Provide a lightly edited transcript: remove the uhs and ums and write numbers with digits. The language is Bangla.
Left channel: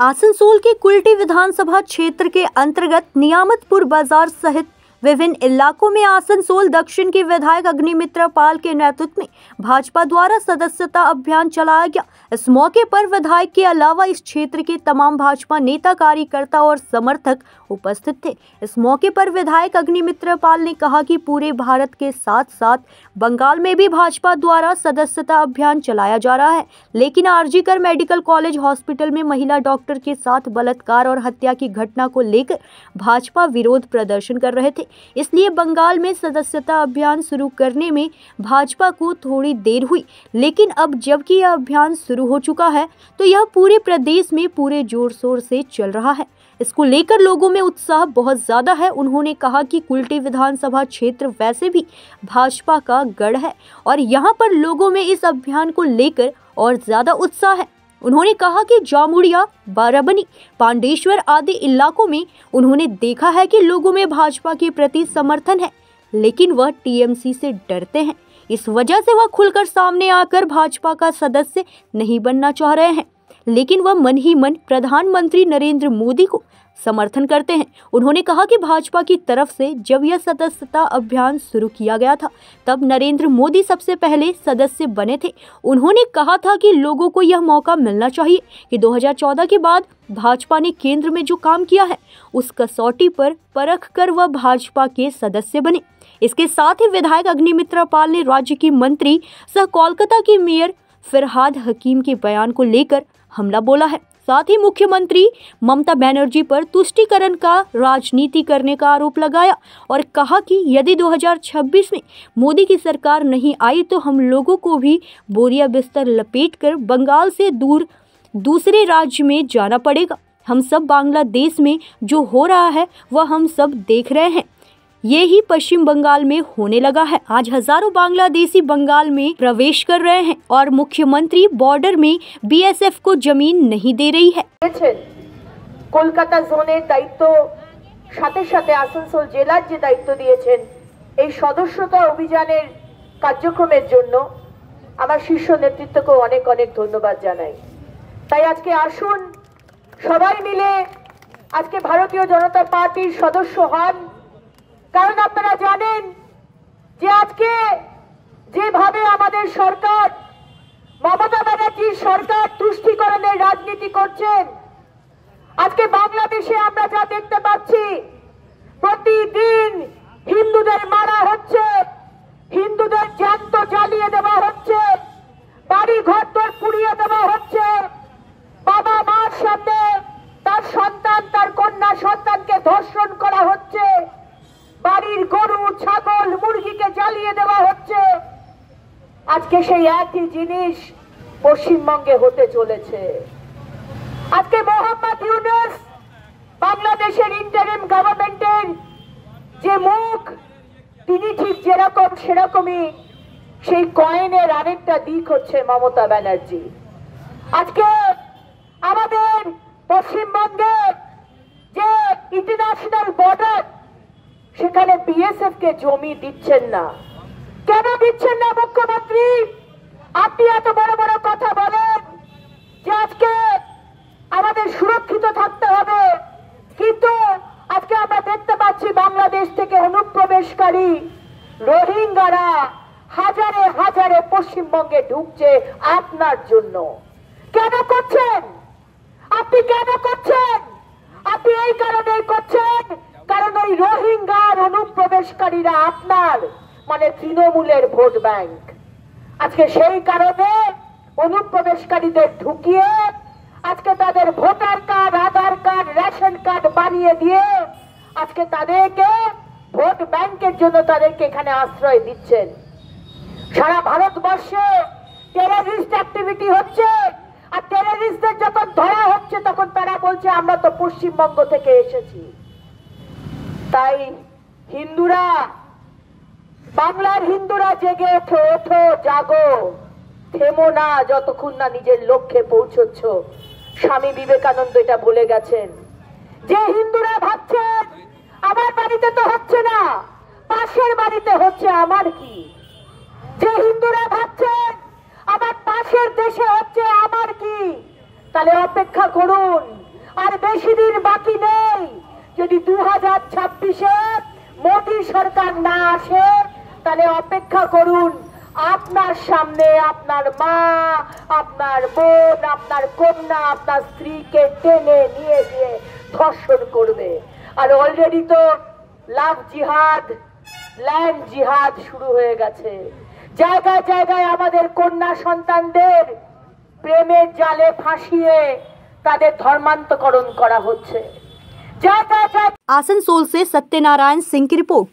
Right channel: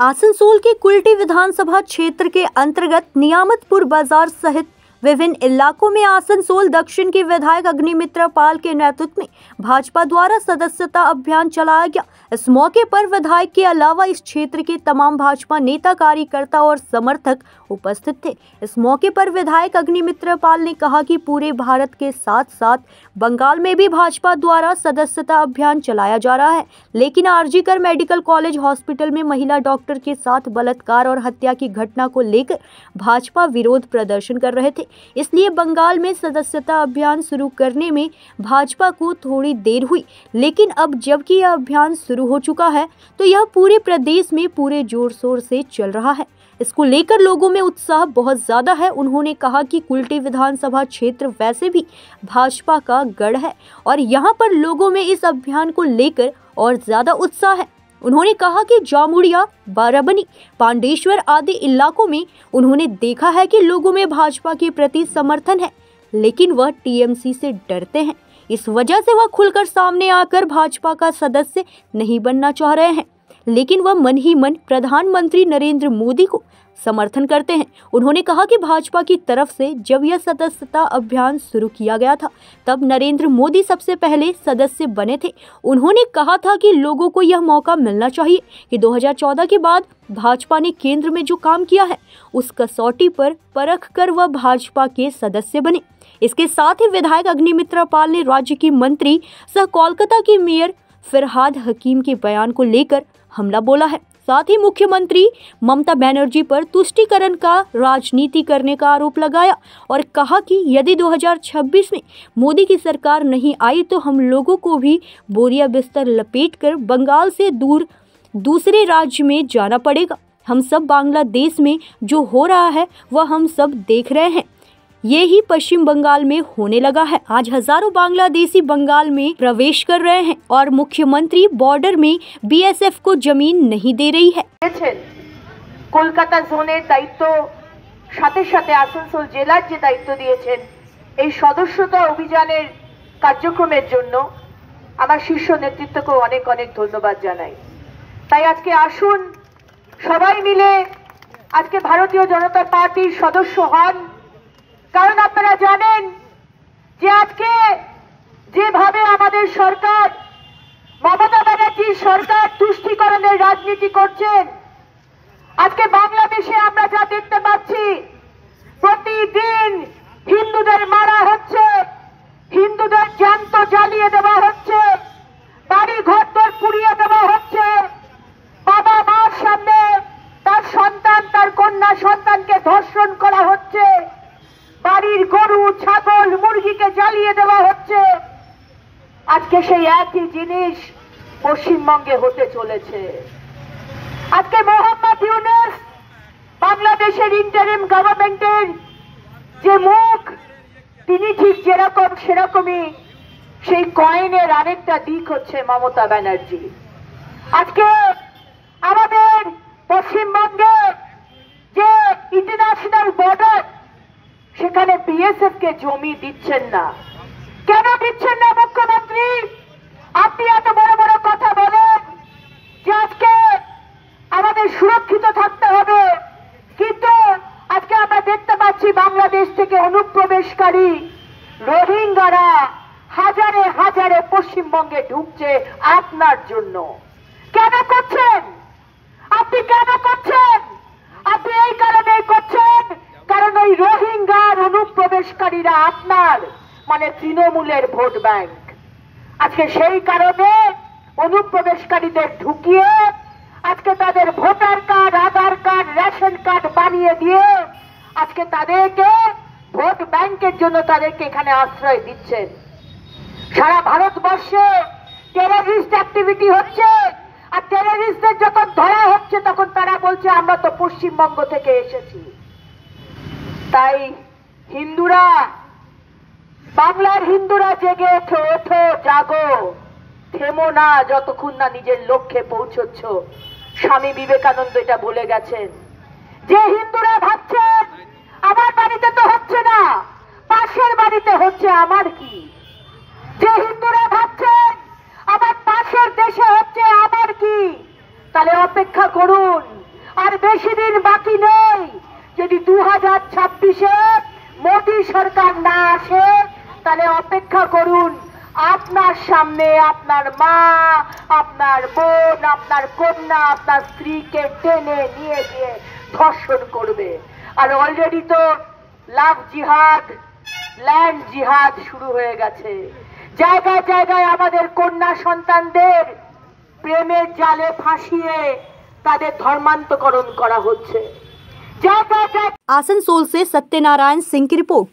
आसनसोल के कुल्टी विधानसभा क्षेत्र के अंतर्गत नियामतपुर बाजार सहित विभिन्न इलाकों में आसनसोल दक्षिण के विधायक अग्निमित्र पाल के नेतृत्व में भाजपा द्वारा सदस्यता अभियान चलाया गया। इस मौके पर विधायक के अलावा इस क्षेत्र के तमाम भाजपा नेता, कार्यकर्ता और समर्थक उपस्थित थे। इस मौके पर विधायक अग्निमित्र पाल ने कहा कि पूरे भारत के साथ साथ बंगाल में भी भाजपा द्वारा सदस्यता अभियान चलाया जा रहा है, लेकिन आरजीकर मेडिकल कॉलेज हॉस्पिटल में महिला डॉक्टर के साथ बलात्कार और हत्या की घटना को लेकर भाजपा विरोध प्रदर्शन कर रहे थे। इसलिए बंगाल में सदस्यता अभियान शुरू करने में भाजपा को थोड़ी देर हुई, लेकिन अब जबकि यह अभियान शुरू हो चुका है तो यह पूरे प्रदेश में पूरे जोर शोर से चल रहा है। इसको लेकर लोगों में उत्साह बहुत ज्यादा है। उन्होंने कहा कि कुल्टी विधानसभा क्षेत्र वैसे भी भाजपा का गढ़ है और यहाँ पर लोगों में इस अभियान को लेकर और ज्यादा उत्साह है। उन्होंने कहा कि जामुड़िया, बाराबनी, पांडेश्वर आदि इलाकों में उन्होंने देखा है कि लोगों में भाजपा के प्रति समर्थन है, लेकिन वह टीएमसी से डरते हैं। इस वजह से वह खुलकर सामने आकर भाजपा का सदस्य नहीं बनना चाह रहे हैं, लेकिन वह मन ही मन प्रधानमंत्री नरेंद्र मोदी को समर्थन करते हैं। उन्होंने कहा कि भाजपा की तरफ से जब यह सदस्यता अभियान शुरू किया गया था तब नरेंद्र मोदी सबसे पहले सदस्य बने थे। उन्होंने कहा था कि लोगों को यह मौका मिलना चाहिए कि 2014 के बाद भाजपा ने केंद्र में जो काम किया है उस कसौटी पर परख कर वह भाजपा के सदस्य बने। इसके साथ ही विधायक अग्निमित्र पाल ने राज्य की मंत्री सह कोलकाता की मेयर फरहाद हकीम के बयान को लेकर हमला बोला है। साथ ही मुख्यमंत्री ममता बनर्जी पर तुष्टीकरण का राजनीति करने का आरोप लगाया और कहा कि यदि 2026 में मोदी की सरकार नहीं आई तो हम लोगों को भी बोरिया बिस्तर लपेटकर बंगाल से दूर दूसरे राज्य में जाना पड़ेगा। हम सब बांग्लादेश में जो हो रहा है वह हम सब देख रहे हैं, ये ही पश्चिम बंगाल में होने लगा है। आज हजारों बांग्लादेशी बंगाल में प्रवेश कर रहे हैं और मुख्यमंत्री बॉर्डर में बीएसएफ को जमीन नहीं दे रही है। কলকাতা জোনের দায়িত্ব সাথে সাথে আসানসোল জেলার যে দায়িত্ব দিয়েছেন এই সদস্যতা অভিযানের কার্যক্রমের জন্য আমার শীর্ষ নেতৃত্বকে অনেক অনেক ধন্যবাদ জানাই। তাই আজকে আসুন সবাই মিলে আজকে ভারতীয় জনতা পার্টির সদস্য হন, কারণ আপনারা জানেন যে আজকে যেভাবে আমাদের সরকার মমতা ব্যানার্জির সরকার তুষ্টিকরণের রাজনীতি করছেন, আজকে বাংলাদেশে আমরা যা দেখতে পাচ্ছি প্রতিদিন হিন্দুদের মারা হচ্ছে, হিন্দুদের জ্যান্ত জ্বালিয়ে দেওয়া হচ্ছে, বাড়ি ঘরদোর পুড়িয়ে দেওয়া হচ্ছে, বাবা মার সামনে তার সন্তান তার কন্যা সন্তানকে ধর্ষণ করা হচ্ছে, বাড়ির গরু ছাগল মুরগিকে জ্বালিয়ে দেওয়া হচ্ছে। আজকে সেই একই জিনিস পশ্চিমবঙ্গে হতে চলেছে। আজকে মোহাম্মদ ইউনূস বাংলাদেশের ইন্টারিম গভর্নমেন্টের যে মুখ, তিনি ঠিক যেরকম সেরকমই সেই কয়েনের আরেকটা দিক হচ্ছে মমতা ব্যানার্জি। আজকে আমাদের পশ্চিমবঙ্গে যে ইন্টারন্যাশনাল বর্ডার সেখানে বিএসএফ কে জমি দিচ্ছেন না। কেন দিচ্ছেন না মুখ্যমন্ত্রী? আপনি এত বড় বড় কথা বলেন যে আজকে আমাদের সুরক্ষিত থাকতে হবে, কিন্তু আজকে আমরা দেখতে পাচ্ছি বাংলাদেশ থেকে অনুপ্রবেশকারী রোহিঙ্গারা হাজারে হাজারে পশ্চিমবঙ্গে ঢুকছে আপনার জন্য। কেন করছেন? আপনি কেন করছেন? আপনি এই কারণে করছেন কারণ ওই রোহিঙ্গার অনুপ্রবেশকারীরা আপনার মানে তৃণমূলের ভোট ব্যাংক। আজকে সেই কারণে অনুপ্রবেশকারীদের ঢুকিয়ে আজকে তাদের ভোটার কার্ড, আধার কার্ড, রেশন কার্ড বানিয়ে দিয়ে আজকে তাদেরকে ভোট ব্যাংকের জন্য তাদেরকে এখানে আশ্রয় দিচ্ছেন। সারা ভারতবর্ষে টেররিস্ট অ্যাক্টিভিটি হচ্ছে, আর টেররিস্টদের যখন ধরা হচ্ছে তখন তারা বলছে আমরা তো পশ্চিমবঙ্গ থেকে এসেছি। তাই হিন্দুরা, বাংলার হিন্দুরা জেগে ওঠো, ওঠো, জাগো, থেমো না যতক্ষণ না নিজের লক্ষ্যে পৌঁছচ্ছ। স্বামী বিবেকানন্দ এটা বলে গেছেন যে হিন্দুরা ভাবছেন আমার বাড়িতে তো হচ্ছে না, পাশের বাড়িতে হচ্ছে, আমার কি? যে হিন্দুরা ভাবছেন আমার পাশের দেশে হচ্ছে, আমার কি? তাহলে অপেক্ষা করুন, আর বেশি দিন বাকি নেই। যদি 2026-এ মোদী সরকার না আসে তাহলে অপেক্ষা করুন, আপনার সামনে আপনার মা, আপনার বোন, আপনার কন্যা, আপনার স্ত্রীকে টেনে নিয়ে গিয়ে ধর্ষণ করবে। আর অলরেডি তো লাভ জিহাদ, ল্যান্ড জিহাদ শুরু হয়ে গেছে। জায়গায় জায়গায় আমাদের কন্যা সন্তানদের প্রেমের জালে ফাঁসিয়ে তাদের ধর্মান্তকরণ করা হচ্ছে। জায়গায় জায়গায়। आसनसोल से सत्यनारायण सिंह की रिपोर्ट।